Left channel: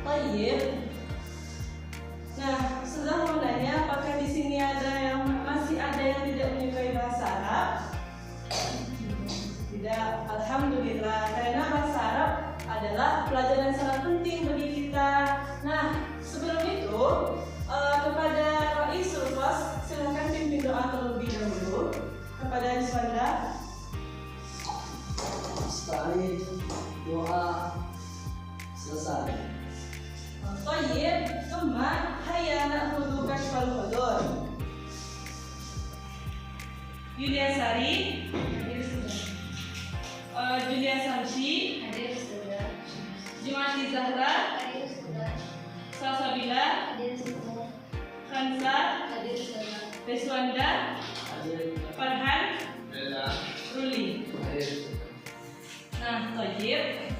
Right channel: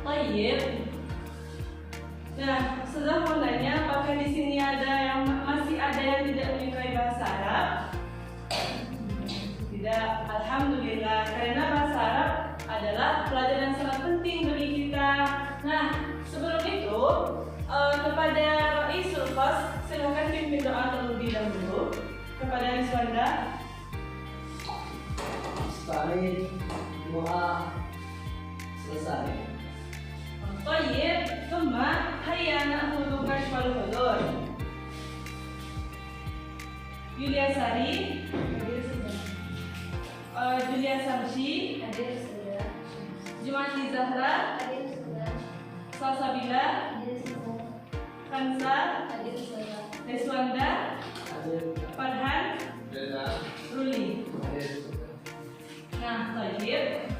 Tayyib. Nah, sudah mau nanya apakah di sini masih ada yang tidak menyukai bahasa Arab? Tidak, alhamdulillah, karena bahasa Arab adalah pelajaran sangat penting bagi kita. Nah, sebelum itu kepada Raisul Fas, silakan pimpin doa terlebih dahulu kepada Rizwanda. Amin. Doa selesai. Tayyib, Tuma, hayya na'khudhu kashfal hudur. Yulia Sari, hadir sudah. Julia Samsi, Hadir sudah. Jumati Zahra, Hadir sudah. Salsabila, Hadir sudah. Kansa, Hadir sudah. Rizwanda, Hadir. Farhan, Ruli. Hadir. Nah, Tayyib.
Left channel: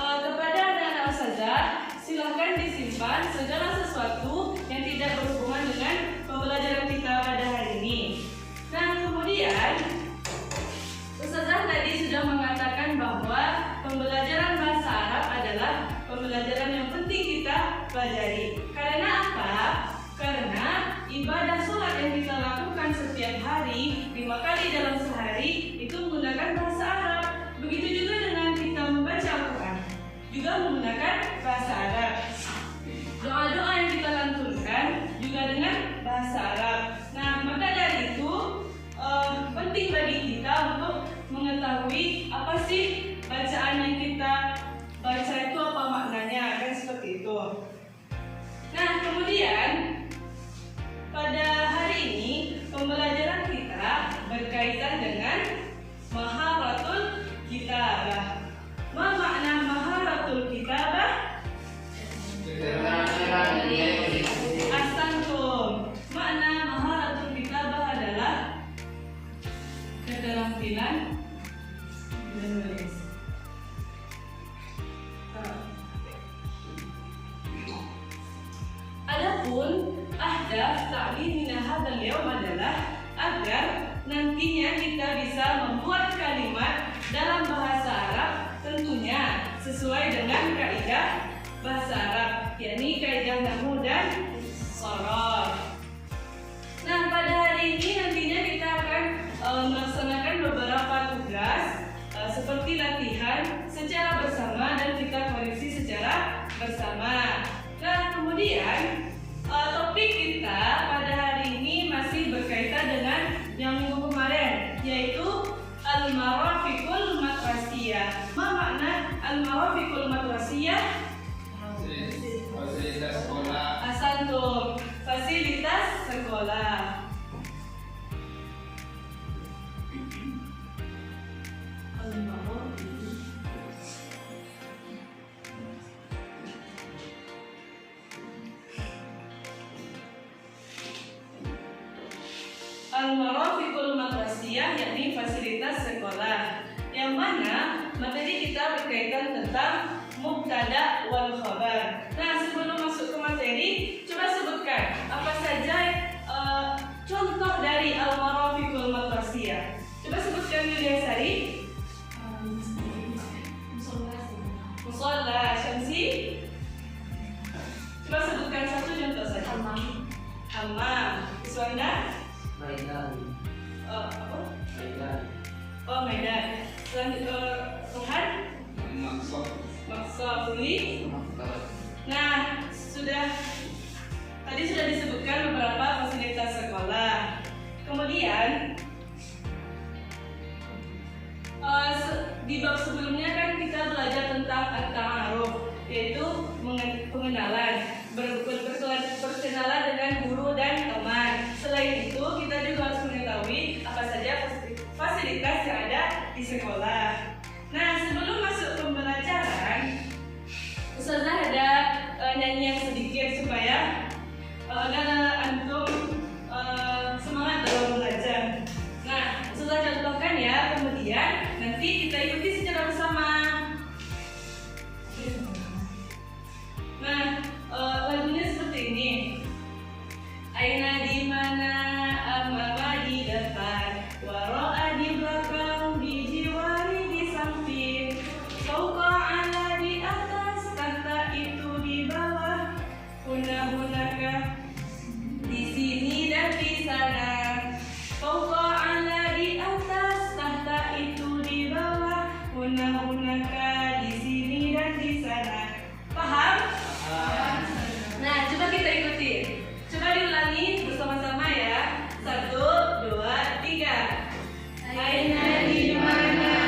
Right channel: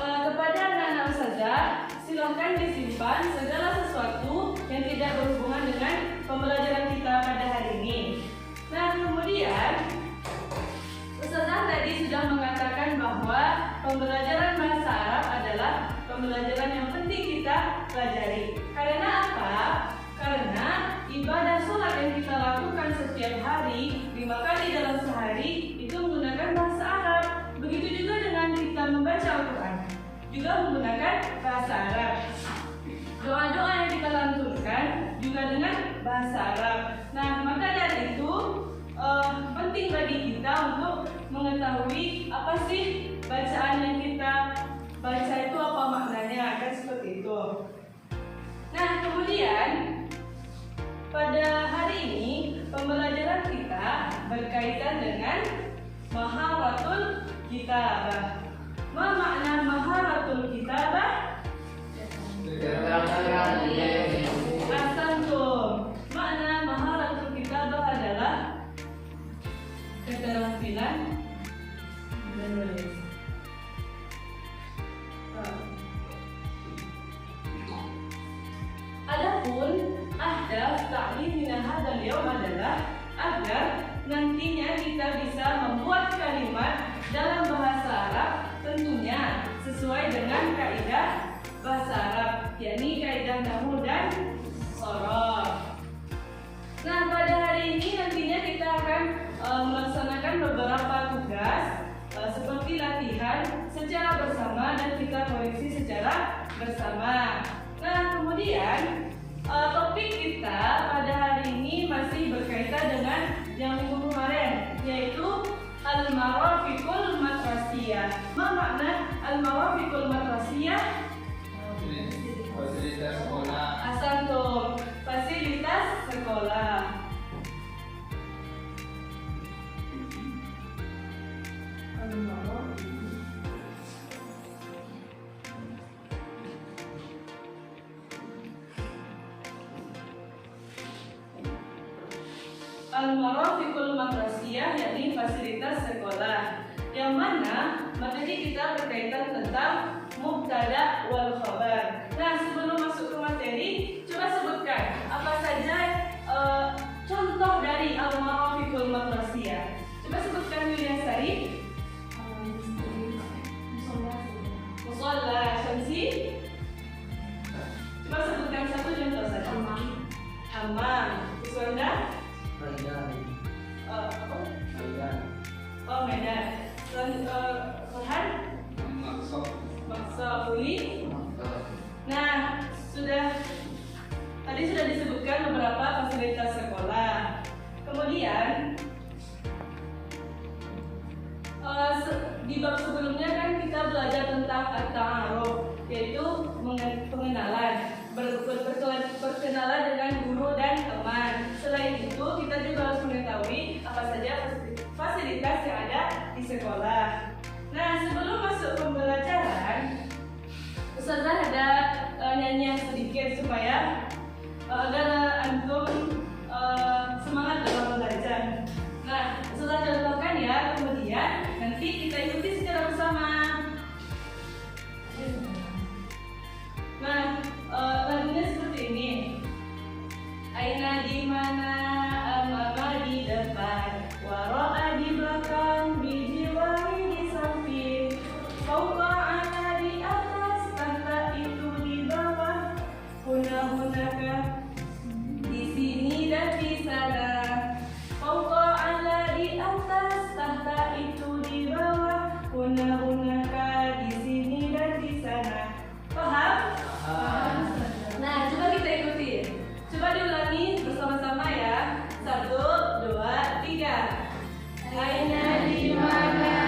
Kepada anak-anak ustazah, silahkan disimpan segala sesuatu yang tidak berhubungan dengan pembelajaran kita pada hari ini. Nah, kemudian ustazah tadi sudah mengatakan bahwa pembelajaran bahasa Arab adalah pembelajaran yang penting kita pelajari. Karena apa? Karena ibadah sholat yang kita lakukan setiap hari 5 kali dalam sehari itu menggunakan bahasa Arab. Begitu juga dengan kita membaca Al-Quran, juga menggunakan bahasa Arab. Doa-doa yang kita lantunkan juga dengan bahasa Arab. Nah, maka dari itu penting bagi kita untuk mengetahui apa sih bacaan yang kita baca itu, apa maknanya, kan seperti itu. Nah, kemudian pada hari ini pembelajaran kita berkaitan dengan maharatul kitabah. Ma makna maharatul kitabah? Ahsantum. Makna maharatul kitabah adalah keterampilan menulis. Adapun ahdaf ta'limina hadzal yaum adalah agar nantinya kita bisa membuat kalimat dalam bahasa Arab tentunya sesuai dengan kaidah bahasa Arab, yakni kaidah nahwu dan sharaf. Nah, pada hari ini nantinya kita akan melaksanakan beberapa tugas seperti latihan secara bersama dan kita koreksi secara bersama. Nah, kemudian topik kita pada hari ini masih berkaitan dengan yang minggu kemarin, yaitu al-marafiqul madrasiyah. Apa makna al-marafiqul madrasiyah? Fasilitas sekolah. Ahsantum, fasilitas sekolah. Al-marafiqul madrasiyah, yakni fasilitas sekolah, yang mana materi kita berkaitan tentang mubtada wal khabar. Nah, sebelum masuk ke materi, coba sebutkan apa saja contoh dari al-marafiqul madrasiyah. Coba sebutkan Yulia Sari. Musalla, Syamsi. Coba sebutkan satu contoh saja. Hammam. Iswanda. Medan. Apa? Medan. Oh, Medan. Farhan. Maksa Uli. Nah, tadi sudah disebutkan beberapa fasilitas sekolah. Kemudian di bab sebelumnya kan kita belajar tentang at-ta'aruf, yaitu pengenalan, berkenalan dengan guru dan teman. Selain itu, kita juga harus mengetahui apa saja fasilitas yang ada di sekolah. Nah, sebelum masuk pembelajaran, Ustazah ada nyanyian sedikit supaya agar antum semangat dalam belajar. Nah, Ustazah contohkan ya, kemudian nanti kita ikuti secara bersama. Nah, lagunya seperti ini. Aina di mana, amama di depan, wara'a di belakang, di jiwari hunaka. Di sini dan di sana. Fawqa ala di atas, tahta itu di bawah, huna hunaka di sini dan di sana. Paham? Nah, coba kita ikuti. Coba diulangi bersama-sama ya. 1, 2, 3. Aina di mana?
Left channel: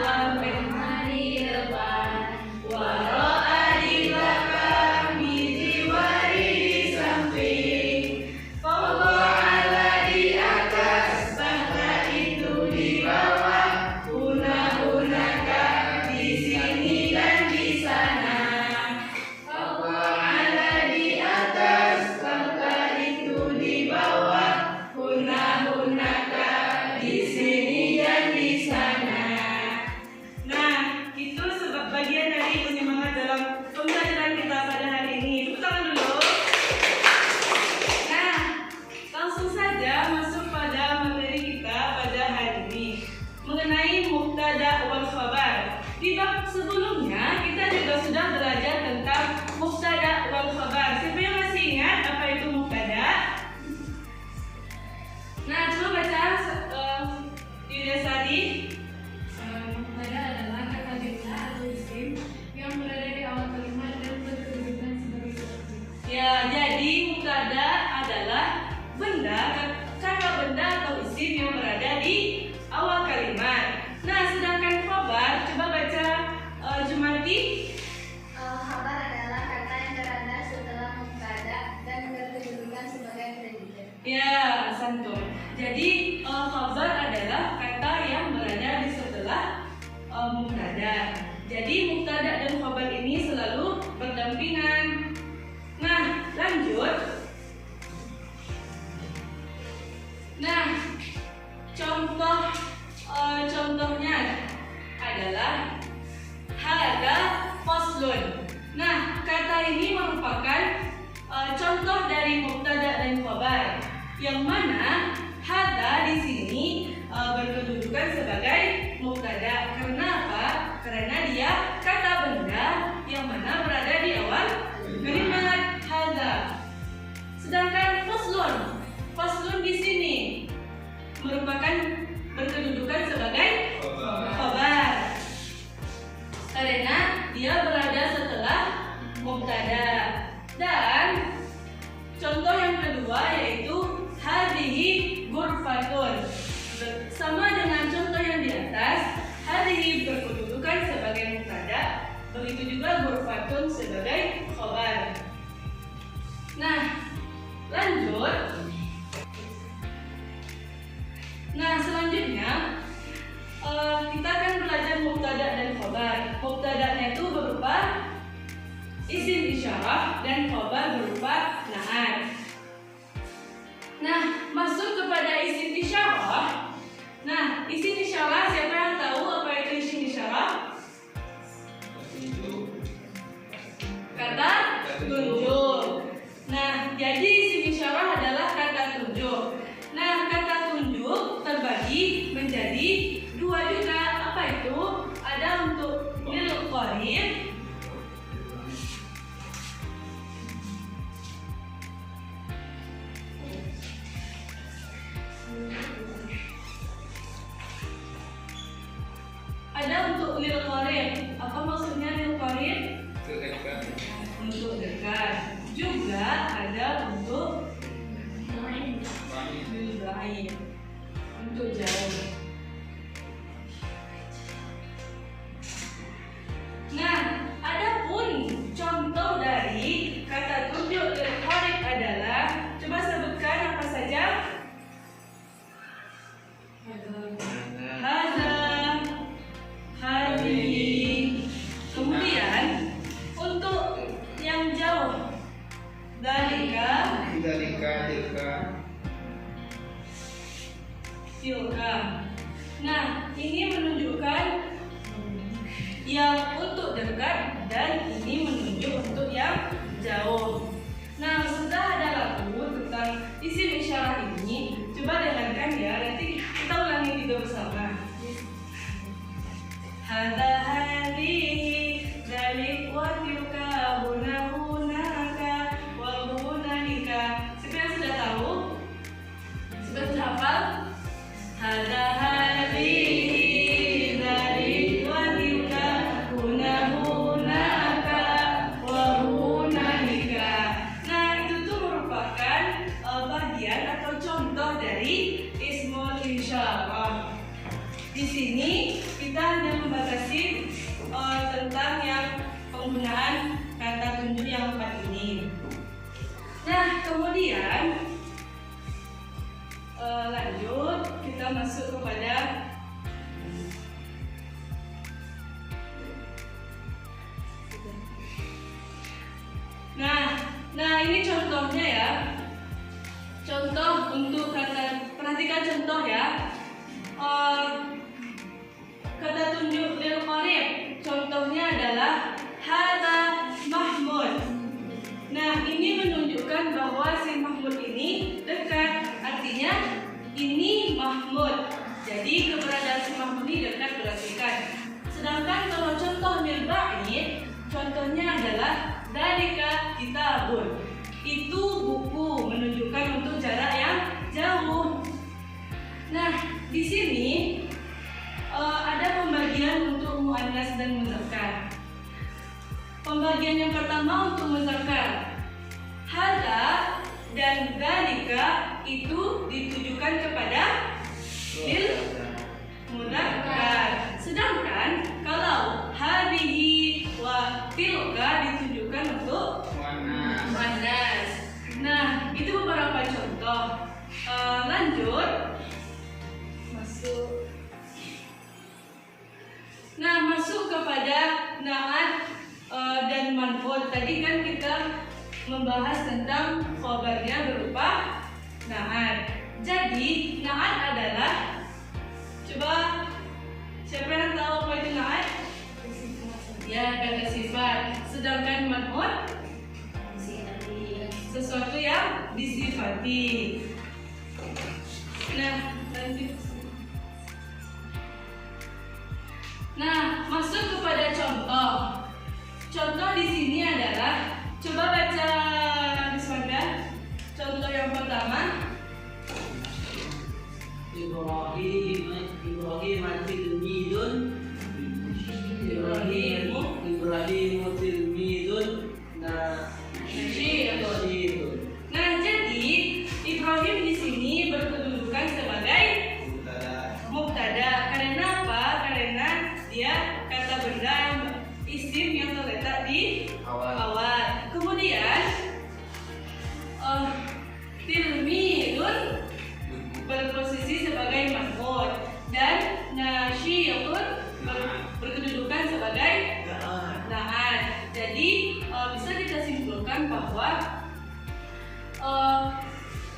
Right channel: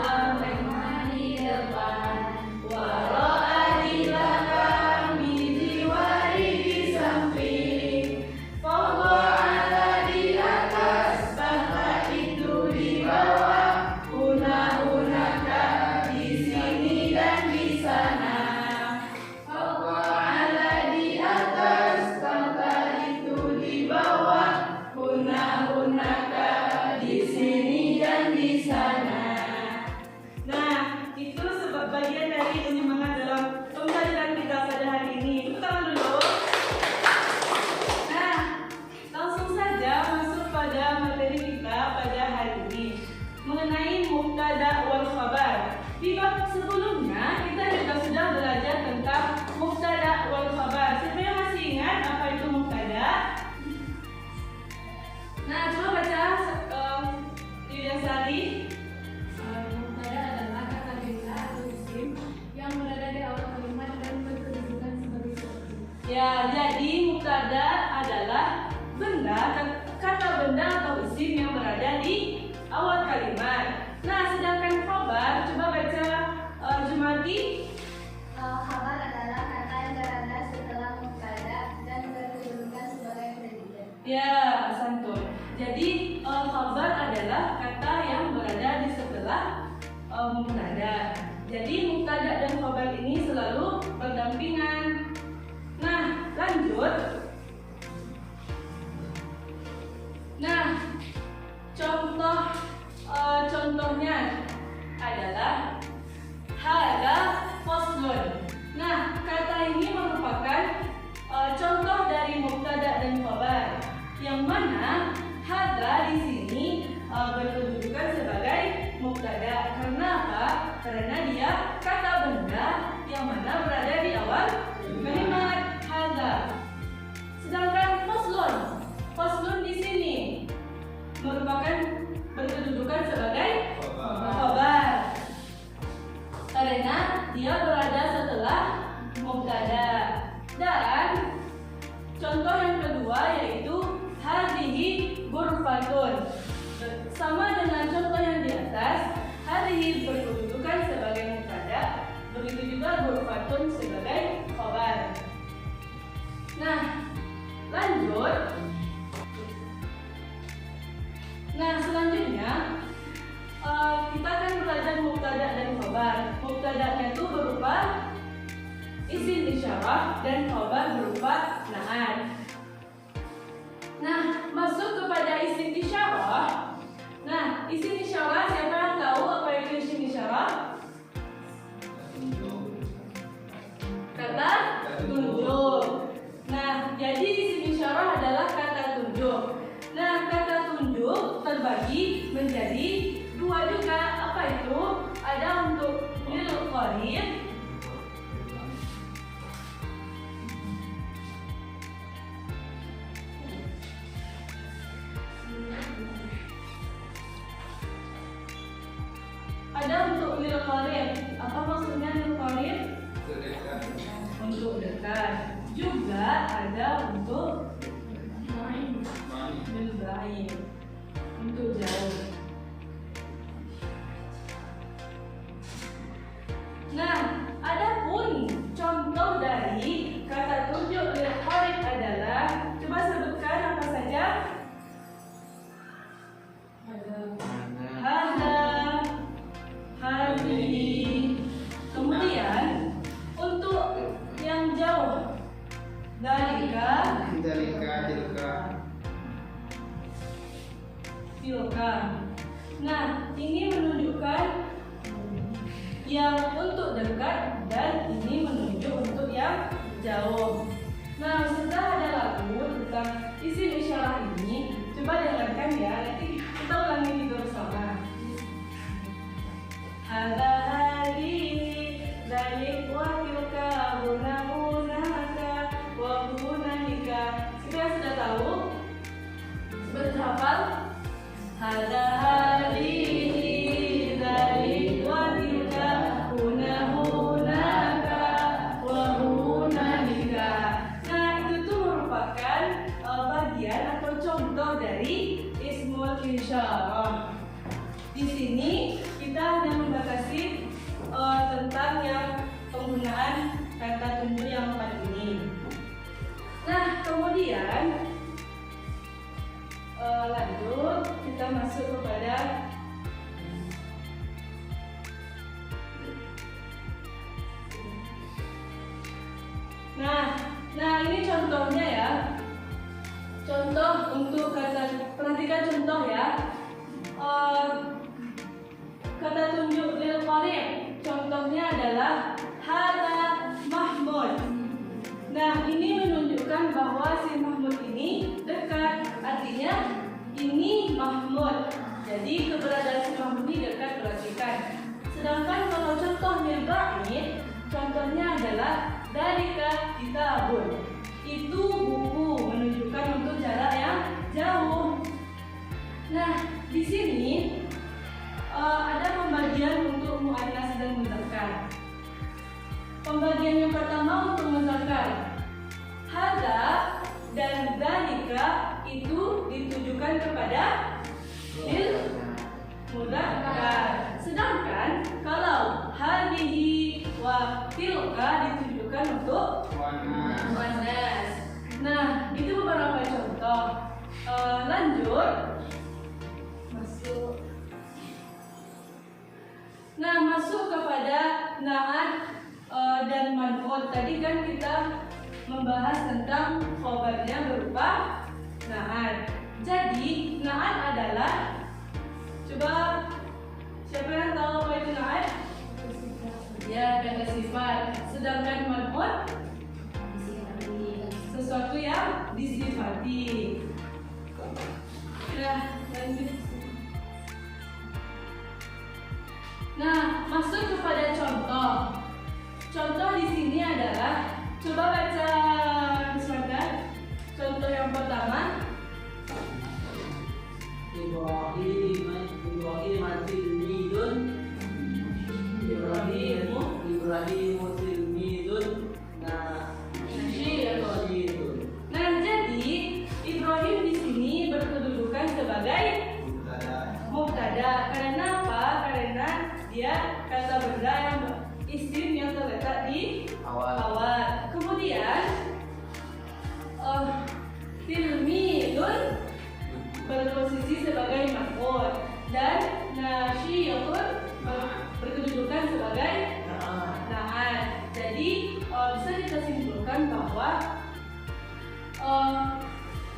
Wa di depan. Wara'a di belakang. Di wari di samping. Fawqa ala di atas, tahta itu di bawah, huna hunaka di sini dan di sana. Fawqa ala di atas, tahta itu di bawah, huna hunaka di sini dan di sana. Nah, itu sebab bagian dari penyemangat dalam pembelajaran kita pada hari ini. Tepuk tangan dulu. Nah, langsung saja masuk pada materi kita pada hari ini mengenai mubtada wal khabar. Di bab sebelumnya kita juga sudah belajar tentang mubtada wal khabar. Siapa yang masih ingat apa itu mubtada? Nah, coba baca Yuda Sari. Mubtada adalah kata benda atau isim yang berada di awal kalimat dan berkedudukan sebagai subjek. Ya, jadi mubtada adalah benda, kata benda atau isim yang berada di awal kalimat. Nah, sedangkan khabar, coba baca Jumati. Khabar adalah kata yang berada setelah mubtada dan berkedudukan sebagai predikat. Ya, santun. Jadi khabar adalah kata yang berada di setelah mubtada. Jadi mubtada dan khabar ini selalu berdampingan. Nah, lanjut. Nah, contohnya adalah hada faslun. Nah, kata ini merupakan contoh dari mubtada dan khabar, yang mana hada di sini berkedudukan sebagai mubtada. Karena apa? Karena dia kata benda yang mana berada di awal kalimat hada. Sedangkan faslun di sini merupakan berkedudukan sebagai khabar. Karena dia berada setelah mubtada. Dan contoh yang kedua yaitu hadhihi ghurfatun. Sama dengan contoh yang di atas, hadhihi berkedudukan sebagai mubtada, begitu juga ghurfatun sebagai khabar. Nah, lanjut. Nah, selanjutnya kita akan belajar mubtada dan khabar. Mubtadanya itu berupa isim isyarah dan khabar berupa na'at. Nah, masuk kepada isim isyarah. Nah, isim isyarah, siapa yang tahu apa itu isim isyarah? Kata tunjuk. Nah, jadi isim isyarah adalah kata tunjuk. Nah, kata tunjuk terbagi menjadi dua juga. Apa itu? Ada untuk lil qarib. Ada untuk lil qarib. Apa maksudnya lil qarib? Untuk dekat. Juga ada untuk lil ba'id, untuk jauh. Nah, adapun contoh dari kata tunjuk lil qarib adalah, coba sebutkan apa saja? Hada, hadhihi. Kemudian untuk yang jauh, dalika, tilka. Nah, ini menunjukkan yang untuk dekat dan ini menunjuk untuk yang jauh. Nah, sudah ada lagu tentang isim isyarah ini. Coba dengarkan ya, nanti kita ulangi juga bersama. Hada hadhihi dzalik wa tilka huna hunaka wa huna kemudian lanjut kita masuk kepada Nah ini contohnya ya. Contoh untuk kata, perhatikan contoh ya. Kata tunjuk lil qarib. Contohnya adalah hadza Mahmud. Nah ini menunjukkan bahwa si Mahmud ini dekat. Artinya ini Mahmud. Jadi keberadaan si Mahmud ini dekat perhatikan. Sedangkan kalau contoh lil ba'id, contohnya adalah dzalika kitabun. Itu buku, menunjukkan untuk jarak yang jauh. Nah, di sini ada pembagian untuk muannas dan muzakkar. Pembagian yang pertama untuk muzakkar. Hadza dan dzalika itu ditujukan kepada lil muzakkar. Sedangkan kalau hadhihi wa tilka ditujukan untuk muannas. Nah, itu beberapa contoh. Lanjut masuk. Nah, masuk kepada na'at dan man'ut. Tadi kan kita membahas tentang khabarnya berupa na'at. Jadi, na'at adalah, coba siapa yang tahu apa itu na'at? Ya, kata sifat. Sedangkan man'ut sesuatu yang disifati. Nah, lanjut. Nah, masuk kepada contoh. Contoh di sini adalah, coba baca Bismillah. Contoh yang pertama. Ibrahim tilmidun. Ibrahim tilmidun. Nah, jadi Ibrahim di sini berkedudukan sebagai mubtada. Karena apa? Karena dia kata benda yang isim yang terletak di awal. Kemudian tilmidun berposisi sebagai maf'ul dan nasyiyatun berkedudukan sebagai na'at. Jadi bisa kita simpulkan bahwa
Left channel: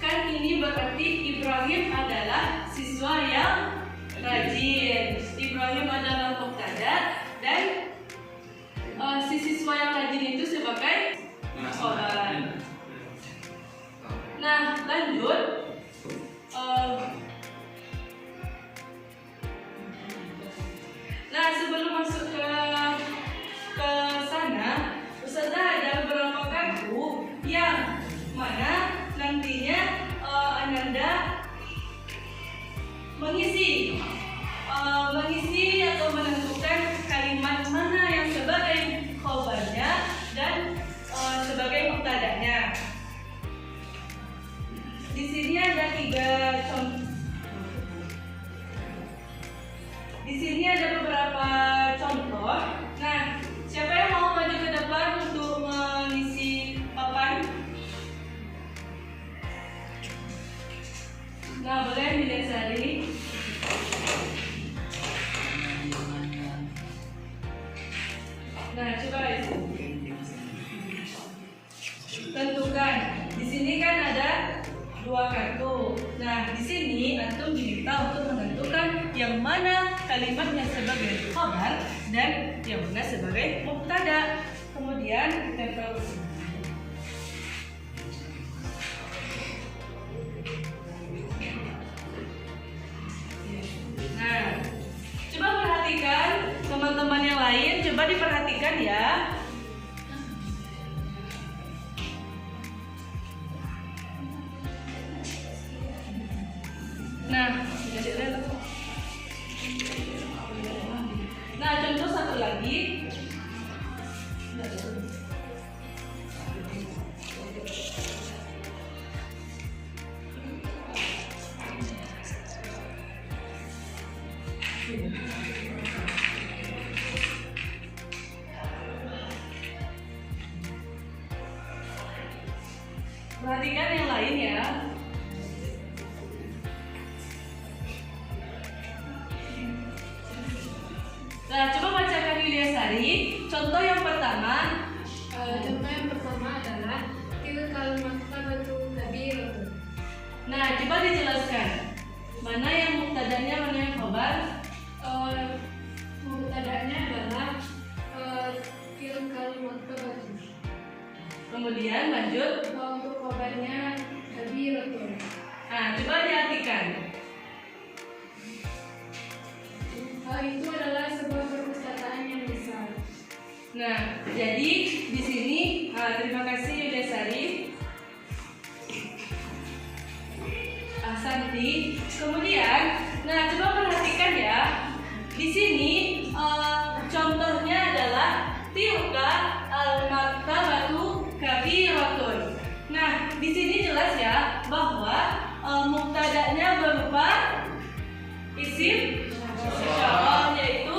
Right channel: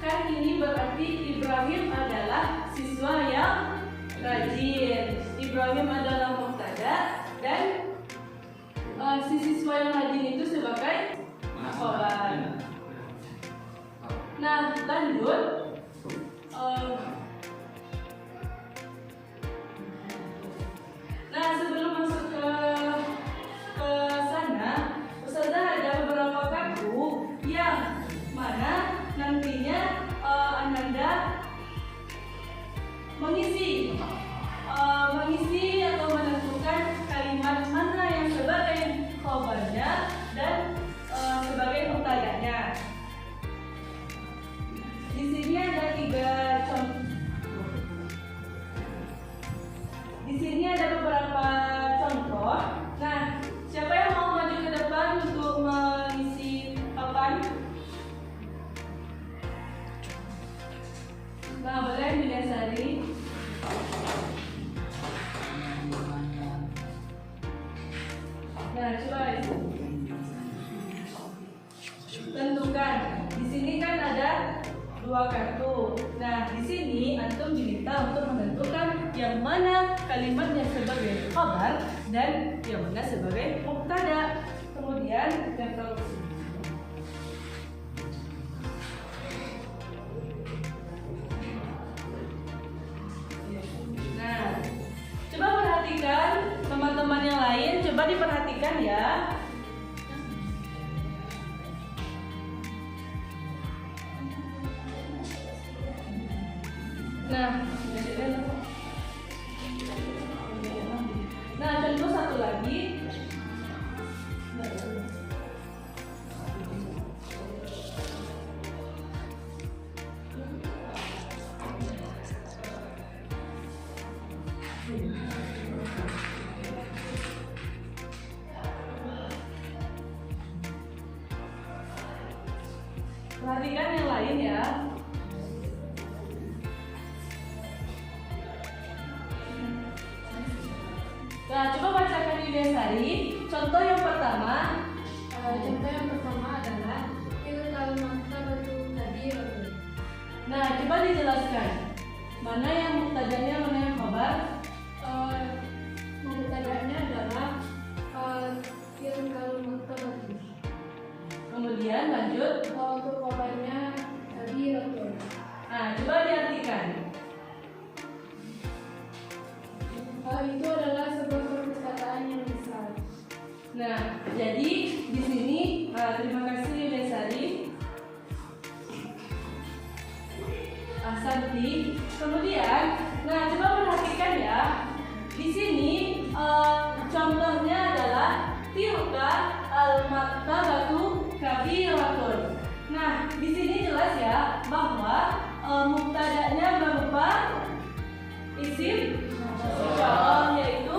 kan ini berarti Ibrahim adalah siswa yang rajin. Ibrahim adalah mubtada dan si siswa yang rajin itu sebagai khabar. Nah, lanjut. Nah, sebelum masuk ke sana, Ustazah ada beberapa kartu yang mana nantinya Ananda mengisi atau menentukan kalimat mana yang sebagai khabarnya dan sebagai mubtadanya. Di sini ada 3 contoh. Di sini ada beberapa contoh. Nah, siapa yang mau maju ke depan untuk mengisi papan? Nah, boleh didasari. Nah, coba tentukan. Di sini kan ada 2 kartu. Nah, di sini antum diminta untuk menentukan yang mana kalimatnya sebagai khabar dan yang mana sebagai mubtada. Kemudian ditempel ke sini. Nah, coba perhatikan teman-teman yang lain, coba diperhatikan ya. Nah, contoh satu lagi. Perhatikan yang lain ya. Nah, coba bacakan Yulia Sari. Contoh yang pertama. Contoh yang pertama adalah tilkal maktabatu kabiratun. Nah, coba dijelaskan. Mana yang muktadanya, mana yang khabar? Mubtada'nya adalah tilkal maktabatu. Kemudian lanjut. Untuk khabarnya kabiratun. Nah, coba diartikan. Itu adalah sebuah perpustakaan yang besar. Nah, jadi di sini terima kasih Yulia Sari. Ahsanti. Kemudian, nah coba perhatikan ya. Di sini contohnya adalah tilka al-maktabatu kabiratun. Nah, di sini jelas ya bahwa mubtada'nya berupa isim isyarah, yaitu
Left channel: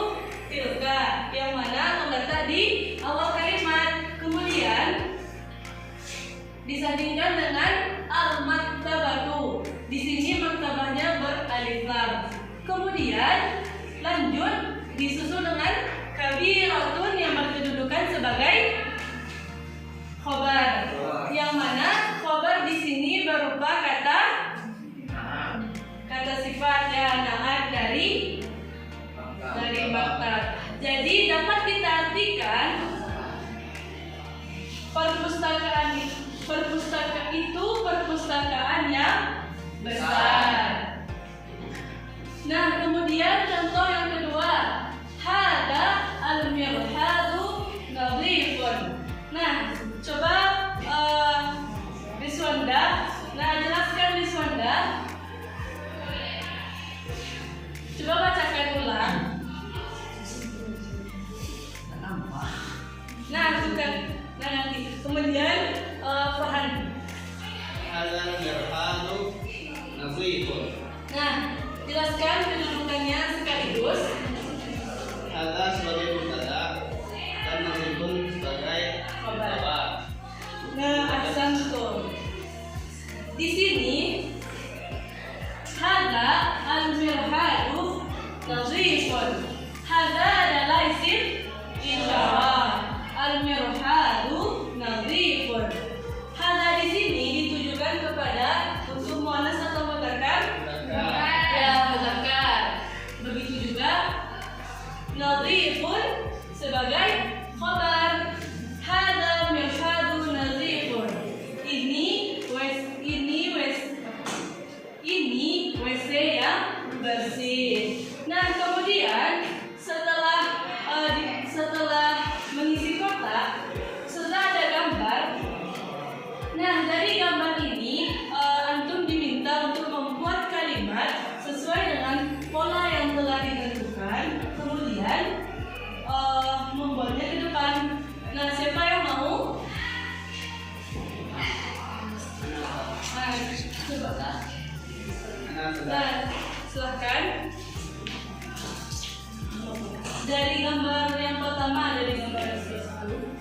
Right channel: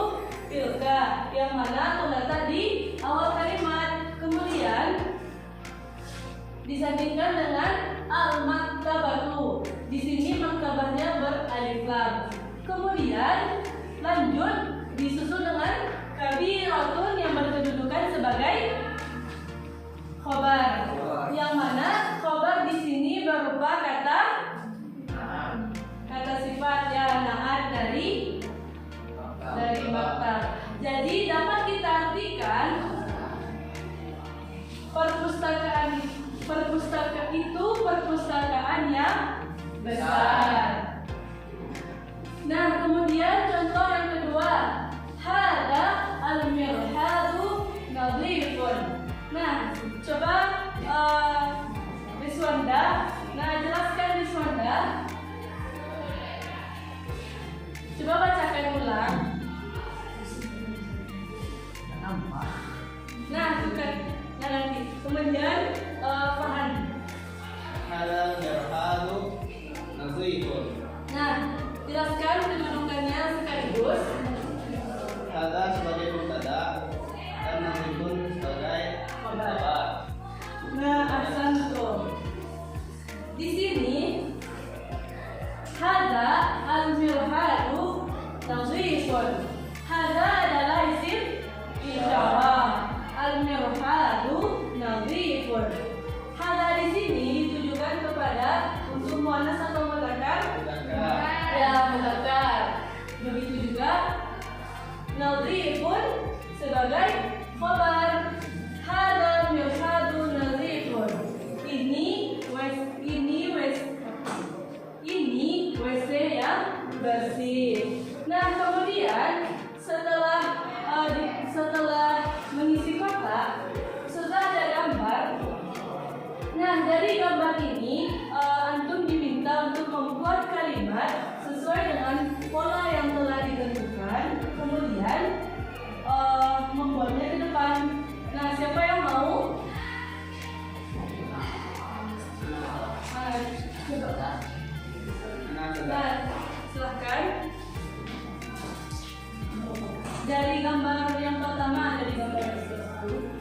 tilka, yang mana terletak di awal kalimat. Kemudian disandingkan dengan al-maktabatu. Di sini maktabahnya beralif lam. Kemudian lanjut disusul dengan kabiratun yang berkedudukan sebagai khobar. Yang mana khobar di sini berupa kata sifat ya, naat dari maktab. Jadi dapat kita artikan perpustakaan itu perpustakaan yang besar. Nah, kemudian contoh yang kedua, hada al-mirhadu nadhifun. Nah, coba Riswanda, jelaskan Riswanda. Coba bacakan ulang. Nanti. Kemudian Farhan. Hadal mirhadu nadhifun. Nah, jelaskan kedudukannya sekaligus. Hadal sebagai mubtada dan nadhifun sebagai khabar. Nah, ahsantum. Di sini hada al-mirhadu nadhifun. Hada adalah isim isyarah. Al-mirhadu nadhifun. Hada di sini ditujukan kepada unsur muannas atau mudzakkar? Ya, mudzakkar. Begitu juga nadhifun sebagai khabar. Hada mirhadu nadhifun. Ini WC yang bersih. Nah, kemudian setelah mengisi kotak, setelah ada gambar. Nah, dari gambar ini antum diminta untuk membuat kalimat sesuai dengan pola yang telah ditentukan. Kemudian membuatnya ke depan. Nah, siapa yang mau? Coba. Nah, silahkan. Dari gambar yang pertama, dari gambar yang satu.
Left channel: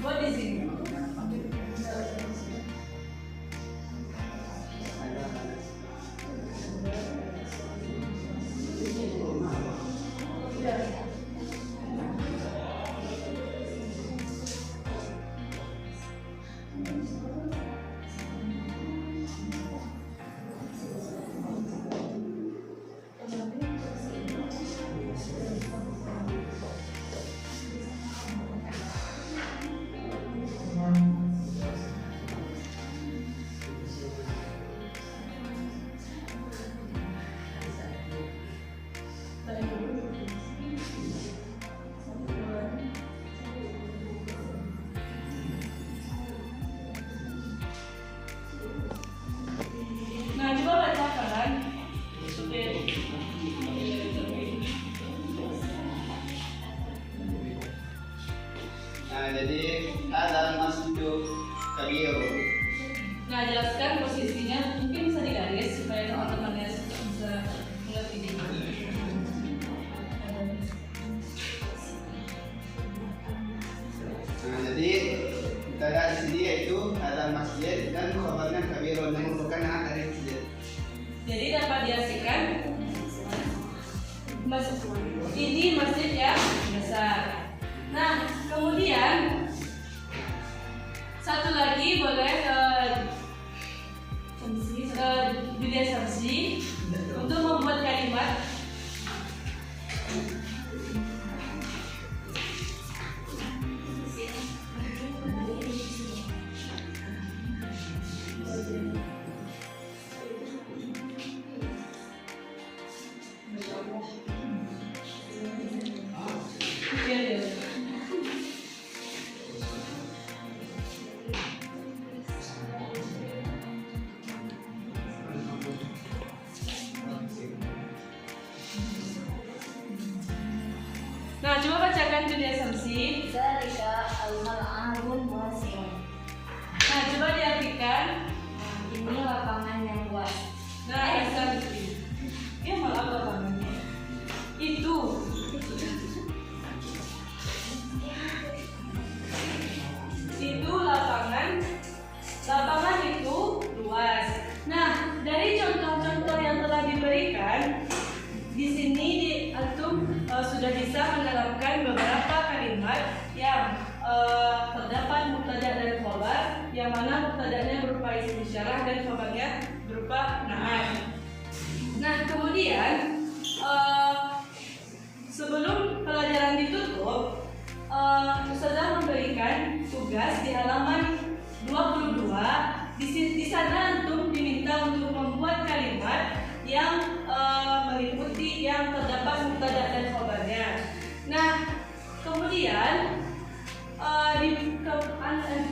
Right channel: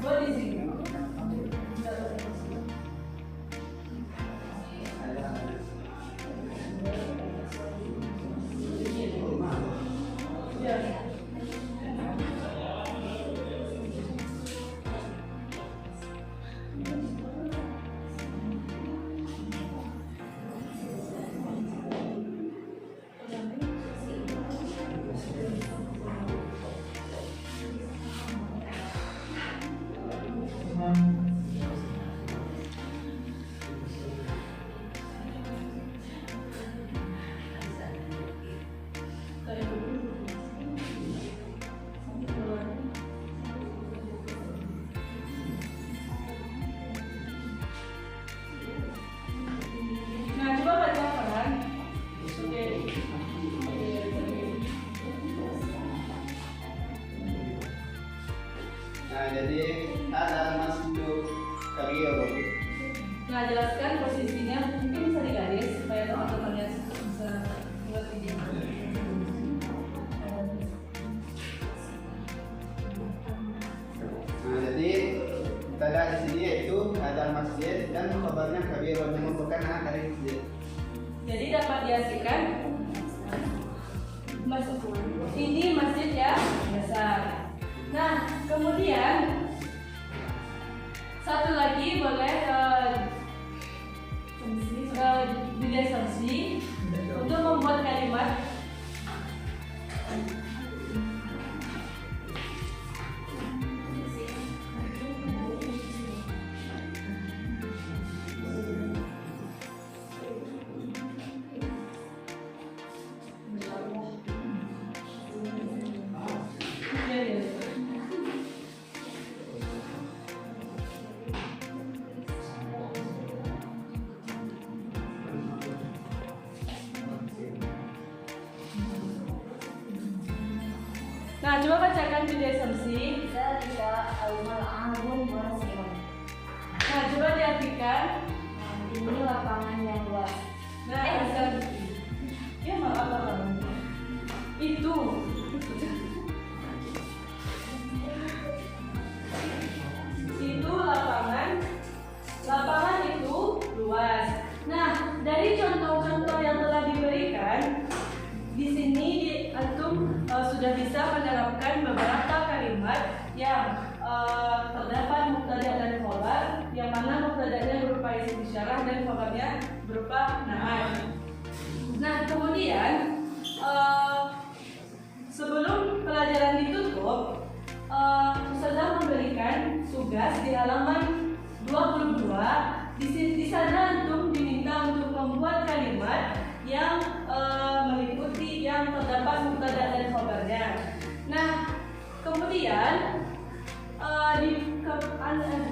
Buat di sini. Nah, coba bacakan. Nah, jadi hadal masjidu kabirun. Nah, jelaskan posisinya. Mungkin bisa digaris supaya teman-temannya bisa mengerti juga. Nah, jadi mubtada di sini yaitu hadzal masjid dan khabarnya kabirun yang merupakan naat dari masjid. Jadi dapat diartikan ini masjid yang besar. Nah, kemudian satu lagi boleh bidai samsi untuk membuat kalimat. Nah, coba bacakan bidai samsi. Zalika al-mal'abun wasi'un. Nah, coba diartikan. Ini lapangan yang luas. Nah, ya malah apa namanya? Itu lapangan itu luas. Nah, dari contoh-contoh yang telah diberikan di sini antum sudah bisa menerapkan beberapa kalimat yang terdapat mubtada dan khabar, yang mana mubtadanya berupa isim isyarah dan khabarnya berupa na'at. Nah, kemudian sebelum pelajaran ditutup, Ustazah memberikan tugas di halaman 22. Di sana antum diminta untuk membuat kalimat yang meliputi yang terdapat mubtada dan khabarnya. Nah, kemudian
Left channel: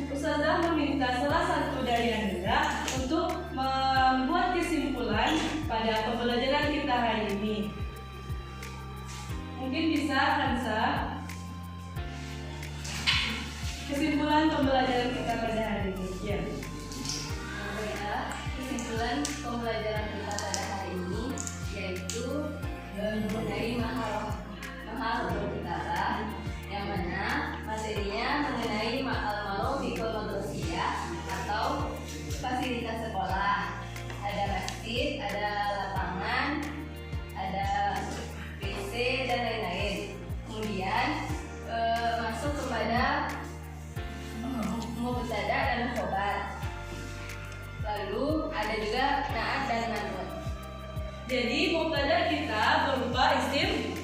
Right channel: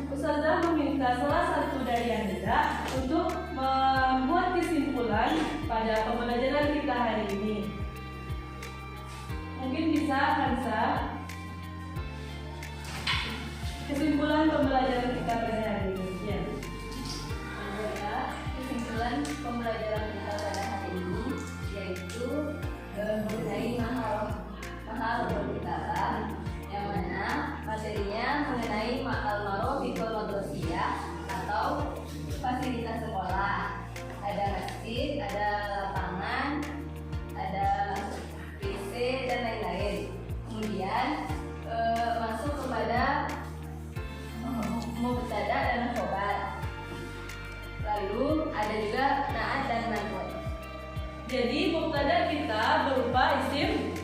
Ustazah meminta salah satu dari Anda untuk membuat kesimpulan pada pembelajaran kita hari ini. Mungkin bisa Hansa, kesimpulan pembelajaran kita pada hari ini. Ya. Kesimpulan pembelajaran kita pada hari ini yaitu mengenai mahal berbicara, yang mana materinya mengenai al-ma'ruf bikul madrasiyah atau fasilitas sekolah. Ada masjid, ada lapangan, ada WC dan lain-lain. Kemudian masuk kepada mubtada dan khobar. Lalu ada juga na'at dan man'ut. Jadi mubtada kita berupa isim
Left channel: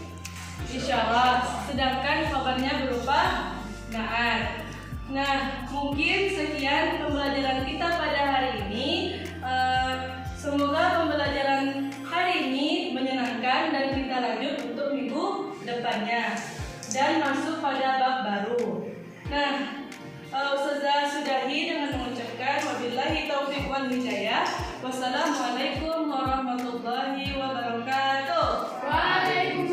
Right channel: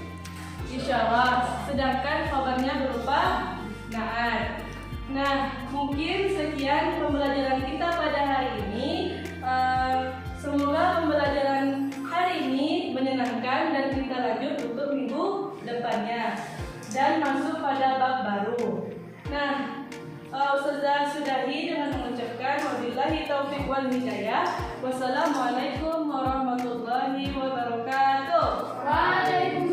isyarah, sedangkan khabarnya berupa na'at. Nah, mungkin sekian pembelajaran kita pada hari ini. Semoga pembelajaran hari ini menyenangkan dan kita lanjut untuk minggu depannya dan masuk pada bab baru. Nah, Ustazah sudahi dengan mengucapkan wabillahi taufiq wal hidayah. Wassalamualaikum warahmatullahi wabarakatuh. Waalaikumsalam.